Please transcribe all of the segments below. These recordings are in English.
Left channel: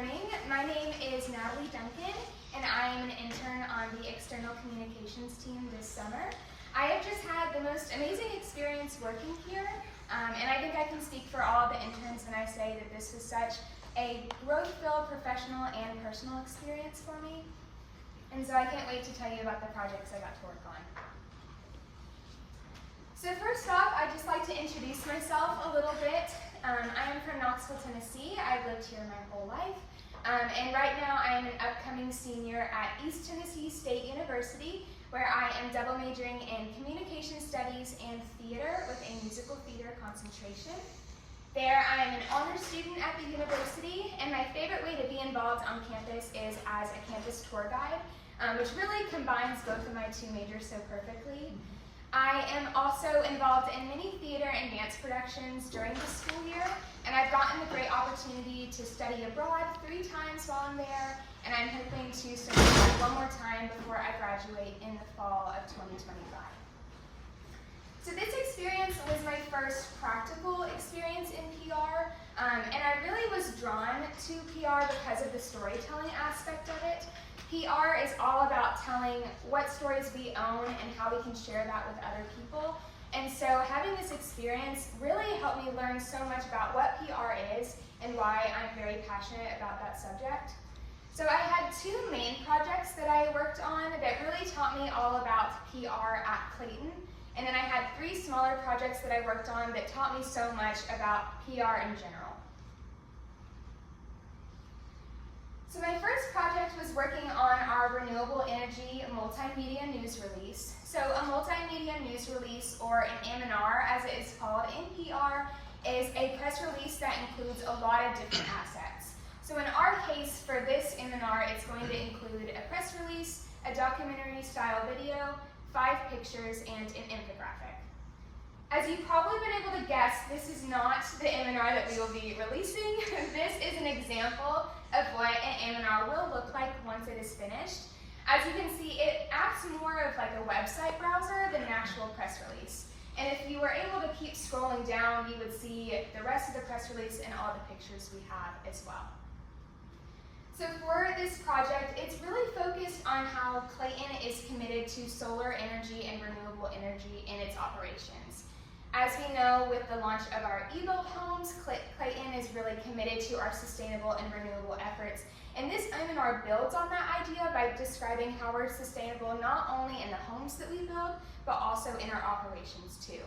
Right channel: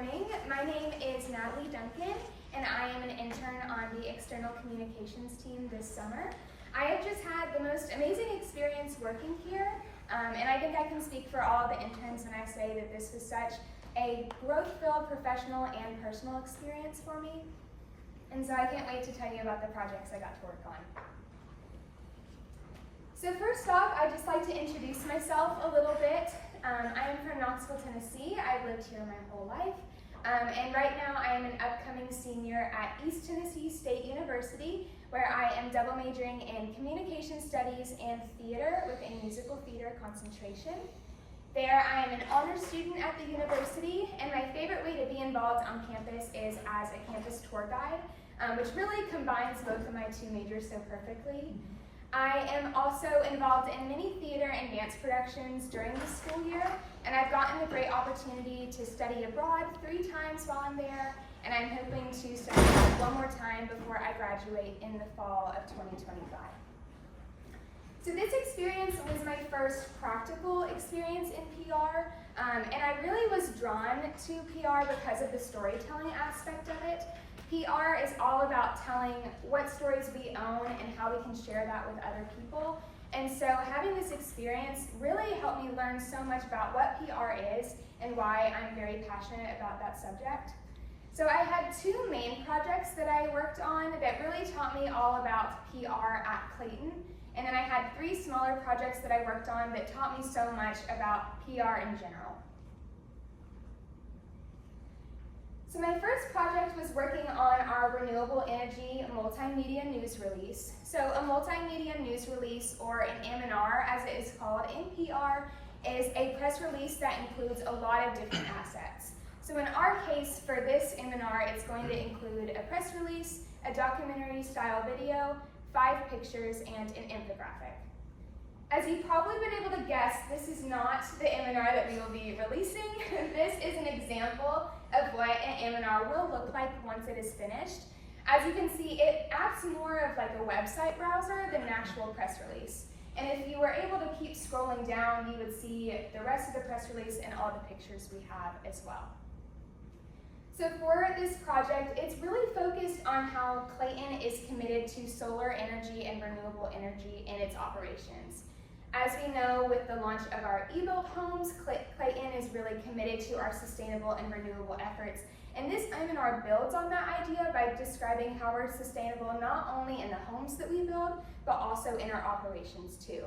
morning. My name is Natalie Duncan, and I am an intern on the external communications team this summer. I have just had the most amazing experience working here, and I think I can speak for all of the interns when I say that this was such a growth-filled professional and personal experience for me. And so I can't wait to tell you about the projects I got to work on. So first off, I'd just like to introduce myself a little bit. I am from Knoxville, Tennessee. I've lived here my whole life. And right now I am an upcoming senior at East Tennessee State University, where I am double majoring in communication studies and theater with a musical theater concentration. There I am an honors student at the university, and my favorite way to be involved on campus is as a campus tour guide, which really combines both of my two majors so perfectly. I am also involved in many theater and dance productions during the school year, and I've gotten the great opportunity to study abroad 3 times while I'm there, and I'm hoping to study abroad one more time before I graduate in the fall of 2025. So this experience was my first practical experience in PR, and I really was drawn to PR because of the storytelling aspect of it. PR is all about telling what stories we own and how we can share that with other people. And so having this experience really helped me learn so much about what PR is and why I'm very passionate about that subject. So I had 2 main projects that I worked on that really taught me all about PR at Clayton. And then I had 3 smaller projects that I worked on that taught me so much about PR in general. So my first project was working on our renewable energy multimedia news release. So a multimedia news release, or an M&R as it is called in PR, is a press release that includes a lot of different assets. So in our case, for this M&R, it's going to include a press release, a documentary style video, 5 pictures, and an infographic. As you've probably been able to guess, this is not the M&R that we will be releasing. This is an example of what an M&R will look like once it is finished. As you can see, it acts more of like a website browser than an actual press release. And if you were able to keep scrolling down, you would see the rest of the press release and all the pictures we have as well. So for this project, it's really focused on how Clayton is committed to solar energy and renewable energy in its operations. As we know, with the launch of our e-built homes, Clayton is really committed to our sustainable and renewable efforts. And this M&R builds on that idea by describing how we're sustainable not only in the homes that we build, but also in our operations too.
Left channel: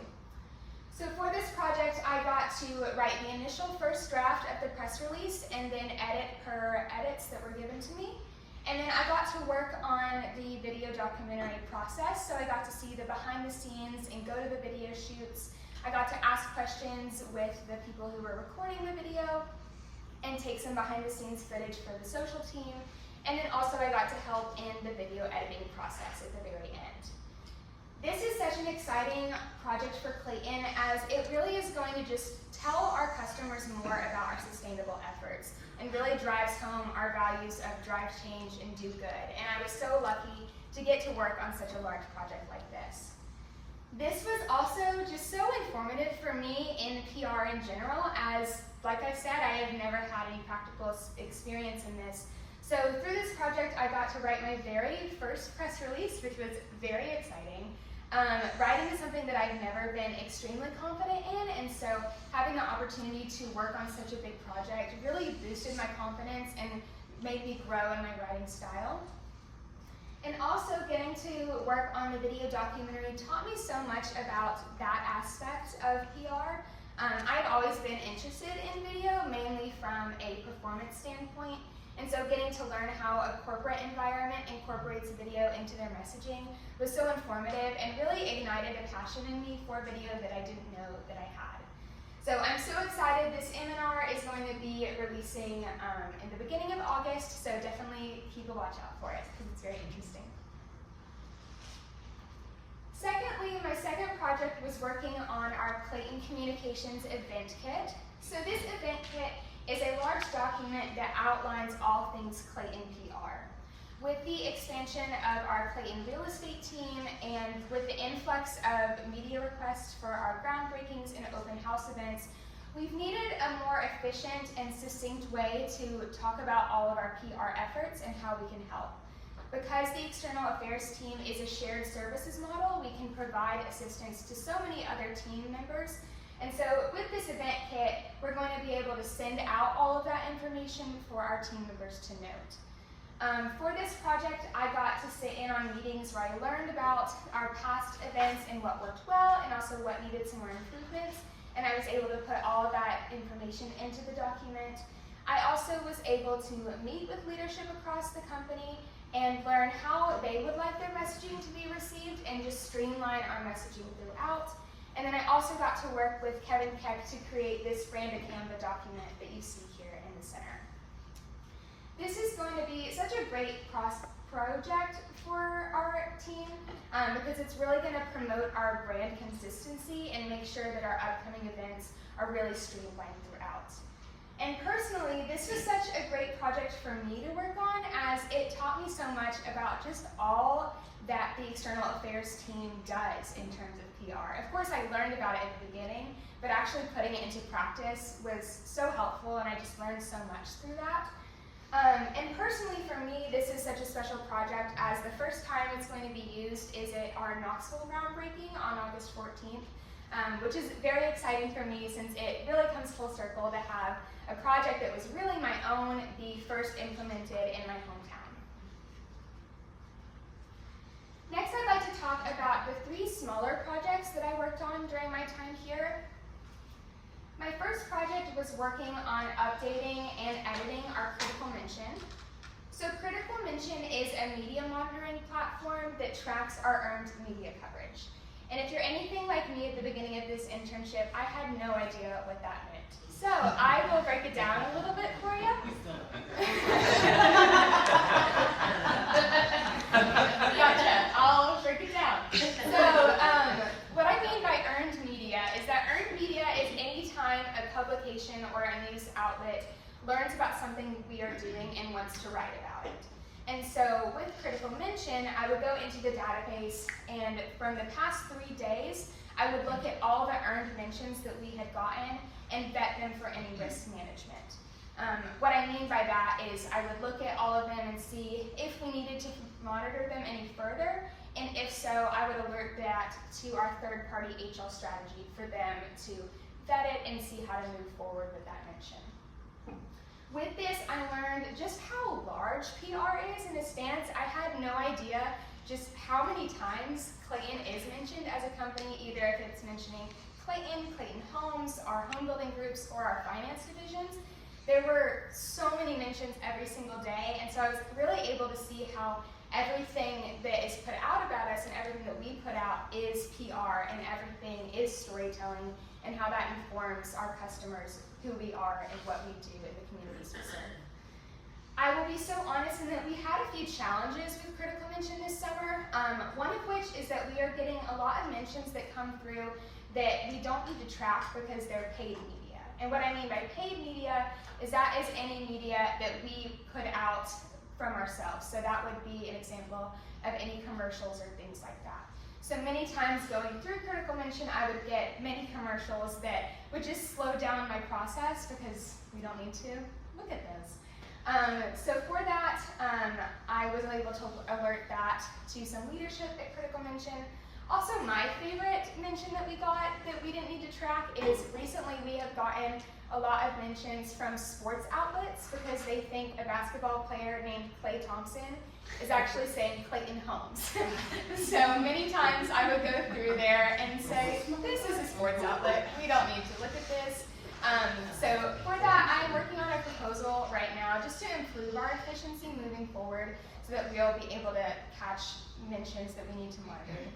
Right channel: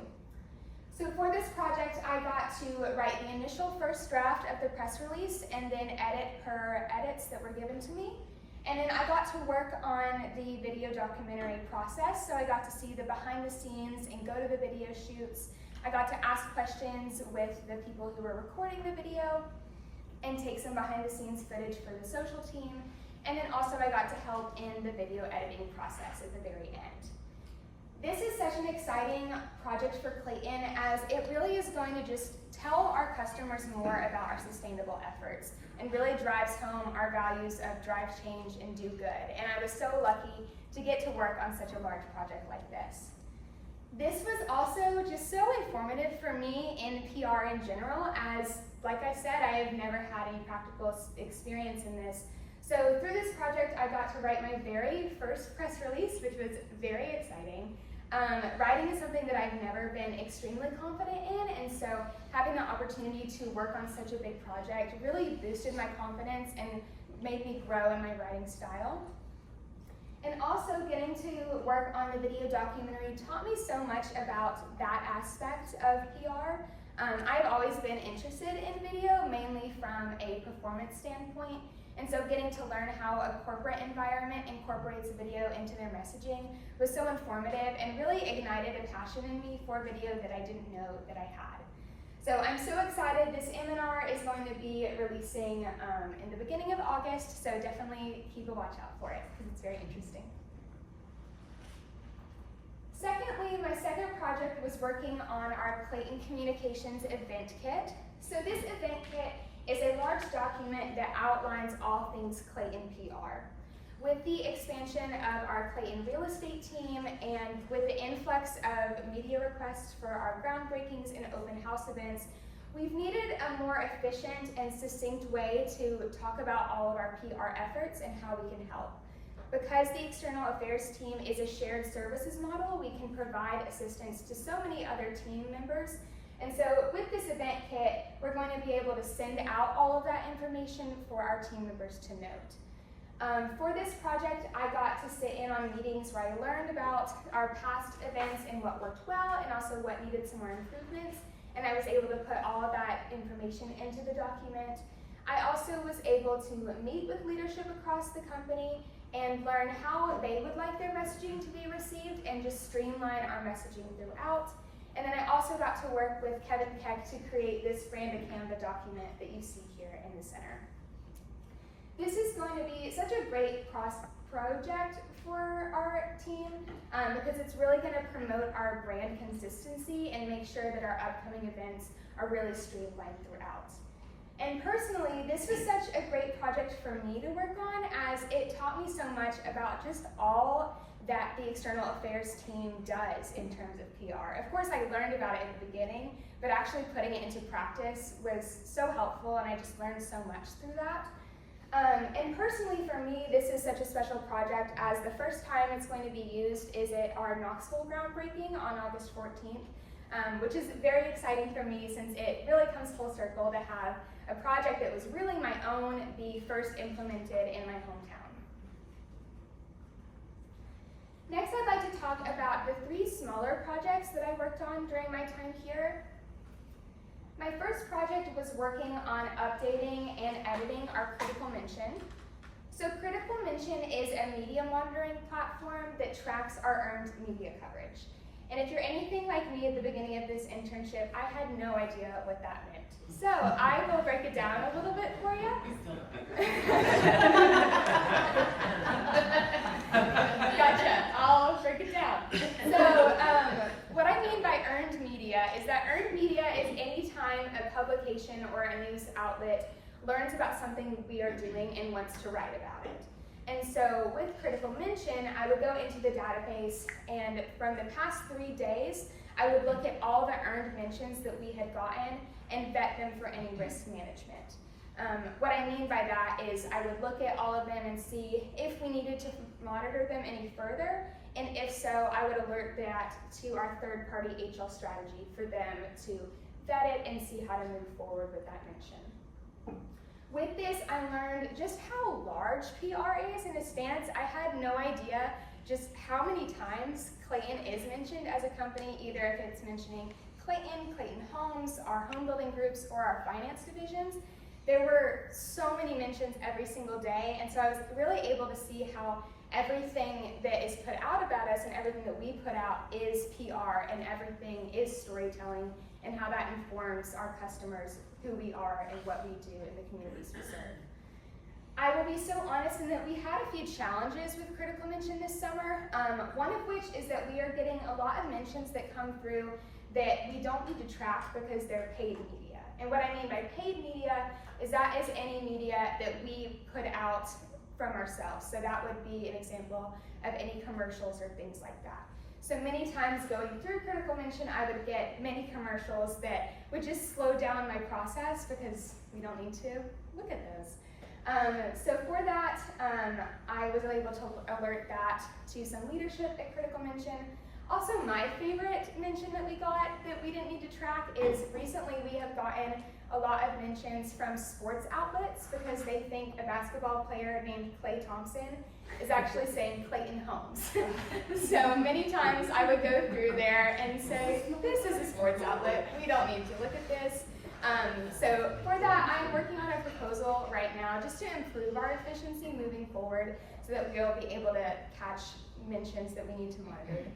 So for this project, I got to write the initial first draft of the press release and then edit per edits that were given to me. And then I got to work on the video documentary process, so I got to see the behind the scenes and go to the video shoots. I got to ask questions with the people who were recording the video and take some behind the scenes footage for the social team. And then also I got to help in the video editing process at the very end. This is such an exciting project for Clayton, as it really is going to just tell our customers more about our sustainable efforts and really drives home our values of drive change and do good. And I was so lucky to get to work on such a large project like this. This was also just so informative for me in PR in general, as, like I said, I have never had any practical experience in this. So through this project, I got to write my very first press release, which was very exciting. Writing is something that I've never been extremely confident in, and so having the opportunity to work on such a big project really boosted my confidence and made me grow in my writing style. And also getting to work on the video documentary taught me so much about that aspect of PR. I've always been interested in video, mainly from a performance standpoint. And so getting to learn how a corporate environment incorporates video into their messaging was so informative and really ignited a passion in me for video that I didn't know that I had. So I'm so excited. This M&R is going to be releasing in the beginning of August, so definitely keep a watch out for it because it's very interesting. Secondly, my second project was working on our Clayton Communications event kit. So this event kit is a large document that outlines all things Clayton PR. With the expansion of our Clayton real estate team and with the influx of media requests for our groundbreakings and open house events, We've needed a more efficient and succinct way to talk about all of our PR efforts and how we can help. Because the External Affairs team is a shared services model, we can provide assistance to so many other team members. And so with this event kit, we're going to be able to send out all of that information for our team members to note. For this project, I got to sit in on meetings where I learned about our past events and what worked well, and also what needed some more improvements. And I was able to put all of that information into the document. I also was able to meet with leadership across the company and learn how they would like their messaging to be received and just streamline our messaging throughout. And then I also got to work with Kevin Keck to create this branded Canva document that you see here in the center. This is going to be such a great project for our team because it's really going to promote our brand consistency and make sure that our upcoming events are really streamlined throughout. And personally, this was such a great project for me to work on, as it taught me so much about just all that the External Affairs team does in terms of PR. Of course, I learned about it in the beginning, but actually putting it into practice was so helpful, and I just learned so much through that. And personally for me, this is such a special project, as the first time it's going to be used is at our Knoxville groundbreaking on August 14th, which is very exciting for me since it really comes full circle to have a project that was really my own be first implemented in my hometown. Next, I'd like to talk about the 3 smaller projects that I worked on during my time here. My first project was working on updating and editing our Critical Mention. So Critical Mention is a media monitoring platform that tracks our earned media coverage. And if you're anything like me at the beginning of this internship, I had no idea what that meant. So I will break it down a little bit for you. Gotcha, I'll break it down. So what I mean by earned media is that earned media is any time a publication or a news outlet learns about something we are doing and wants to write about it. And so with Critical Mention, I would go into the database, and from the past 3 days, I would look at all the earned mentions that we had gotten and vet them for any risk management. What I mean by that is I would look at all of them and see if we needed to monitor them any further, and if so, I would alert that to our third-party HL strategy for them to vet it and see how to move forward with that mention. With this, I learned just how large PR is in a stance. I had no idea just how many times Clayton is mentioned as a company, either if it's mentioning Clayton, Clayton Homes, our home building groups, or our finance divisions. There were so many mentions every single day, and so I was really able to see how everything that is put out about us and everything that we put out is PR, and everything is storytelling, and how that informs our customers who we are and what we do in the communities we serve. I will be so honest in that we had a few challenges with Critical Mention this summer, one of which is that we are getting a lot of mentions that come through that we don't need to track because they're paid media. And what I mean by paid media is that is any media that we put out from ourselves. So that would be an example of any commercials or things like that. So many times going through Critical Mention, I would get many commercials that would just slow down my process because we don't need to look at those. So for that, I was able to alert that to some leadership at Critical Mention. Also, my favorite mention that we got that we didn't need to track is recently we have gotten a lot of mentions from sports outlets because they think a basketball player named Klay Thompson is actually saying Clayton Homes. So many times I would go through there and say, this is a sports outlet, we don't need to look at this. So for that, I'm working on a proposal right now just to improve our efficiency moving forward so that we'll be able to catch mentions that we need to monitor.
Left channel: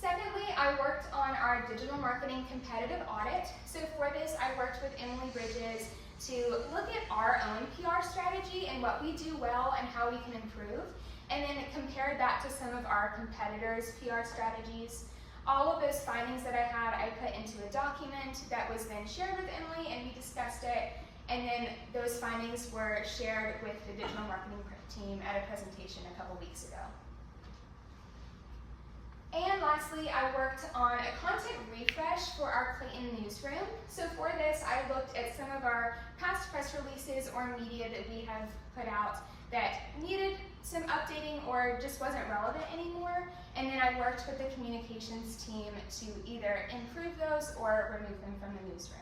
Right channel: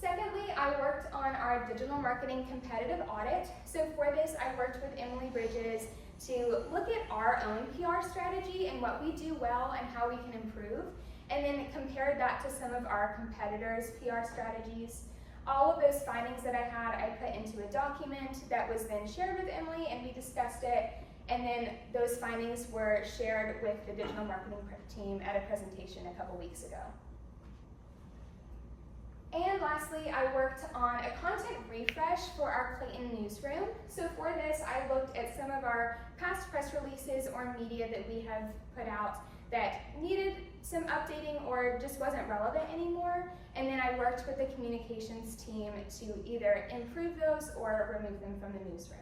Secondly, I worked on our digital marketing competitive audit. So for this, I worked with Emily Bridges to look at our own PR strategy and what we do well and how we can improve, and then compared that to some of our competitors' PR strategies. All of those findings that I had, I put into a document that was then shared with Emily, and we discussed it, and then those findings were shared with the digital marketing team at a presentation a couple weeks ago. And lastly, I worked on a content refresh for our Clayton newsroom. So for this, I looked at some of our past press releases or media that we have put out that needed some updating or just wasn't relevant anymore. And then I worked with the communications team to either improve those or remove them from the newsroom.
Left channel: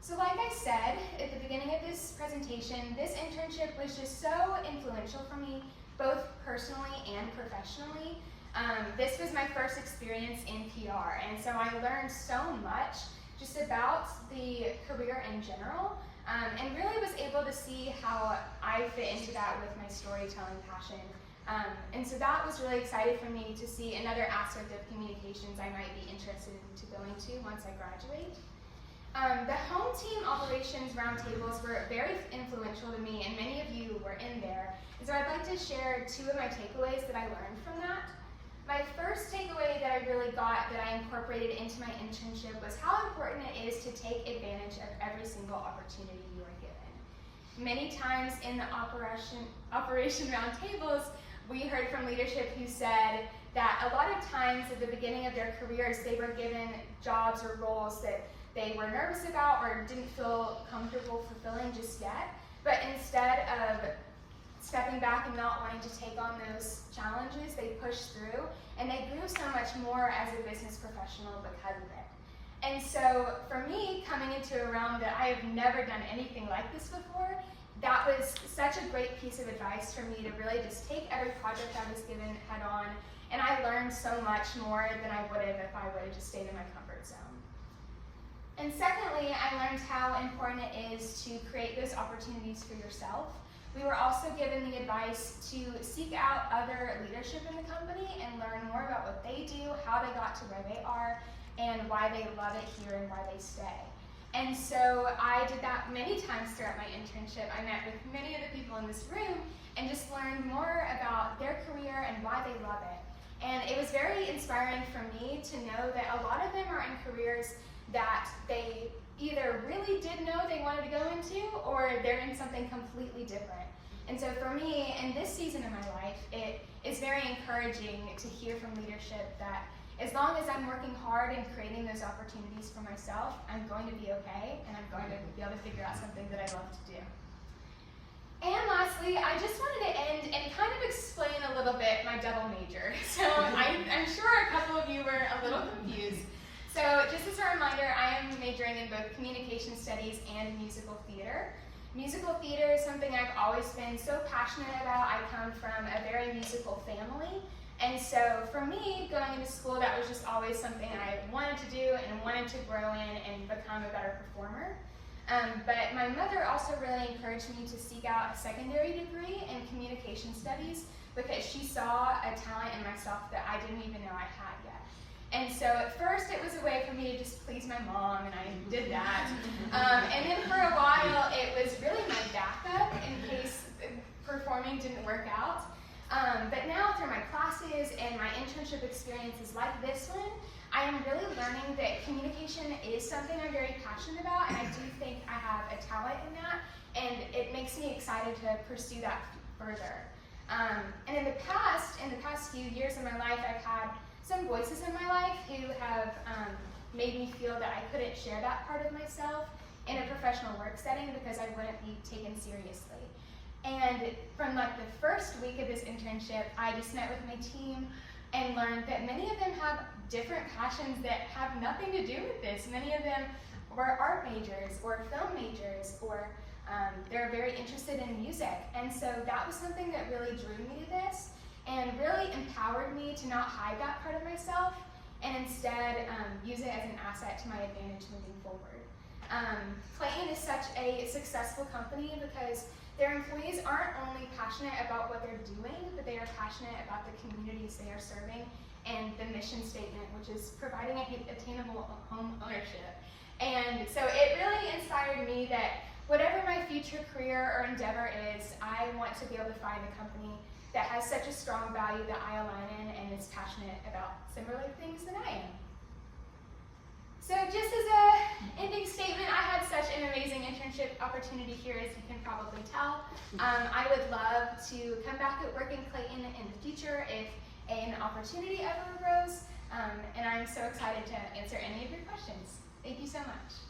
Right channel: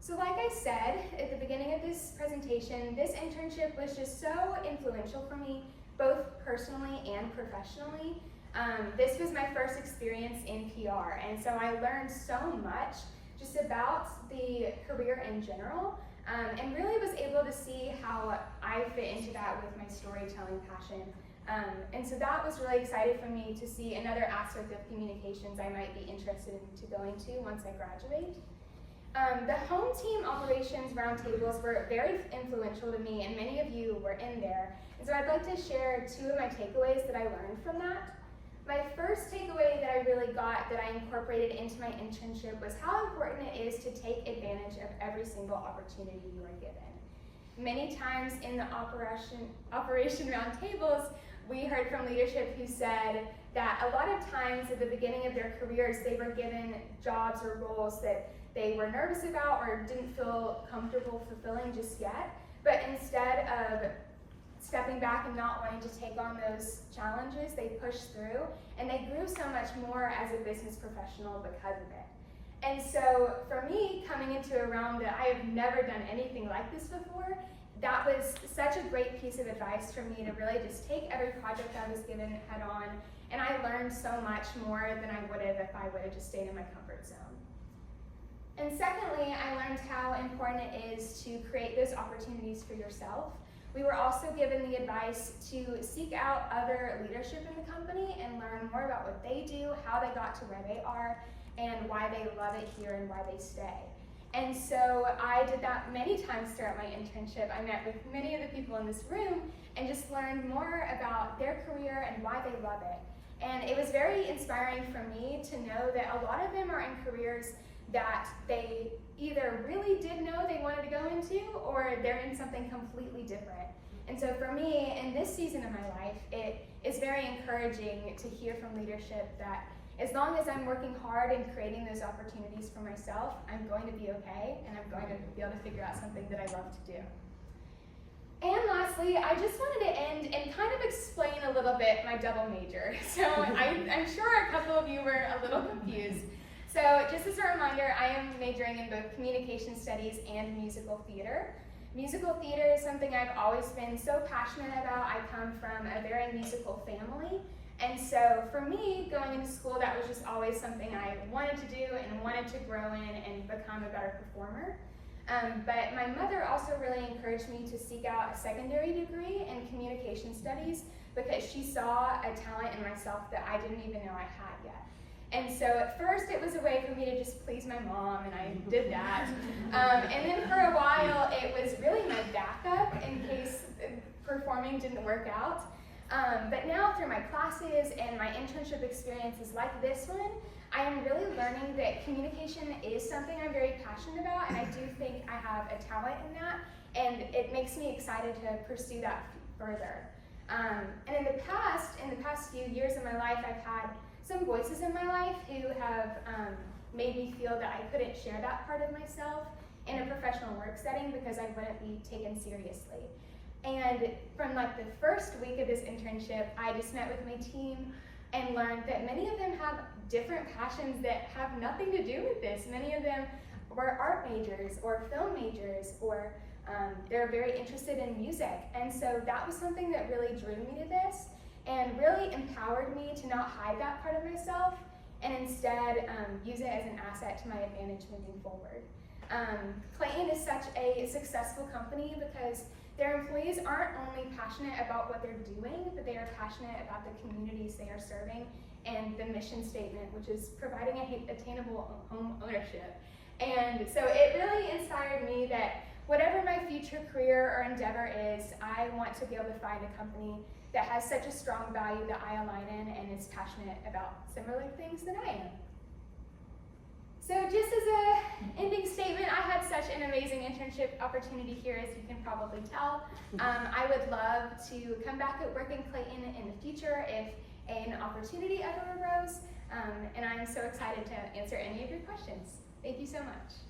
So like I said at the beginning of this presentation, this internship was just so influential for me, both personally and professionally. This was my first experience in PR, and so I learned so much just about the career in general, and really was able to see how I fit into that with my storytelling passion. And so that was really exciting for me to see another aspect of communications I might be interested in going to once I graduate. The home team operations roundtables were very influential to me, and many of you were in there. And so I'd like to share two of my takeaways that I learned from that. My first takeaway that I really got that I incorporated into my internship was how important it is to take advantage of every single opportunity you are given. Many times in the operation roundtables, we heard from leadership who said that a lot of times at the beginning of their careers, they were given jobs or roles that they were nervous about or didn't feel comfortable fulfilling just yet. But instead of stepping back and not wanting to take on those challenges, they pushed through, and they grew so much more as a business professional because of it. And so for me, coming into a realm that I have never done anything like this before, that was such a great piece of advice for me to really just take every project I was given head on, and I learned so much more than I would have if I would have just stayed in my comfort zone. And secondly, I learned how important it is to create those opportunities for yourself. We were also given the advice to seek out other leadership in the company and learn more about what they do, how they got to where they are, and why they love it here and why they stay. And so I did that many times throughout my internship. I met with many of the people in this room and just learned more about their career and why they love it. And it was very inspiring for me to know that a lot of them are in careers that they either really did know they wanted to go into, or they're in something completely different. And so for me, in this season of my life, it is very encouraging to hear from leadership that as long as I'm working hard and creating those opportunities for myself, I'm going to be okay, and I'm going to be able to figure out something that I love to do. And lastly, I just wanted to end and kind of explain a little bit my double major. So I'm sure a couple of you were a little confused. So just as a reminder, I am majoring in both communication studies and musical theater. Musical theater is something I've always been so passionate about. I come from a very musical family. And so for me, going into school, that was just always something I wanted to do and wanted to grow in and become a better performer. But my mother also really encouraged me to seek out a secondary degree in communication studies because she saw a talent in myself that I didn't even know I had yet. And so at first it was a way for me to just please my mom, and I did that. And then for a while it was really my backup in case performing didn't work out. But now through my classes and my internship experiences like this one, I am really learning that communication is something I'm very passionate about, and I do think I have a talent in that, and it makes me excited to pursue that further. And in the past few years of my life, I've had some voices in my life who have made me feel that I couldn't share that part of myself in a professional work setting because I wouldn't be taken seriously. And from like the first week of this internship, I just met with my team and learned that many of them have different passions that have nothing to do with this. Many of them were art majors or film majors, or they're very interested in music. And so that was something that really drew me to this and really empowered me to not hide that part of myself and instead use it as an asset to my advantage moving forward. Clayton is such a successful company because their employees aren't only passionate about what they're doing, but they are passionate about the communities they are serving and the mission statement, which is providing attainable home ownership. And so it really inspired me that whatever my future career or endeavor is, I want to be able to find a company that has such a strong value that I align in and is passionate about similar things than I am. So just as a ending statement, I had such an amazing internship opportunity here, as you can probably tell. I would love to come back and work in Clayton in the future if an opportunity ever arose, and I'm so excited to answer any of your questions. Thank you so much.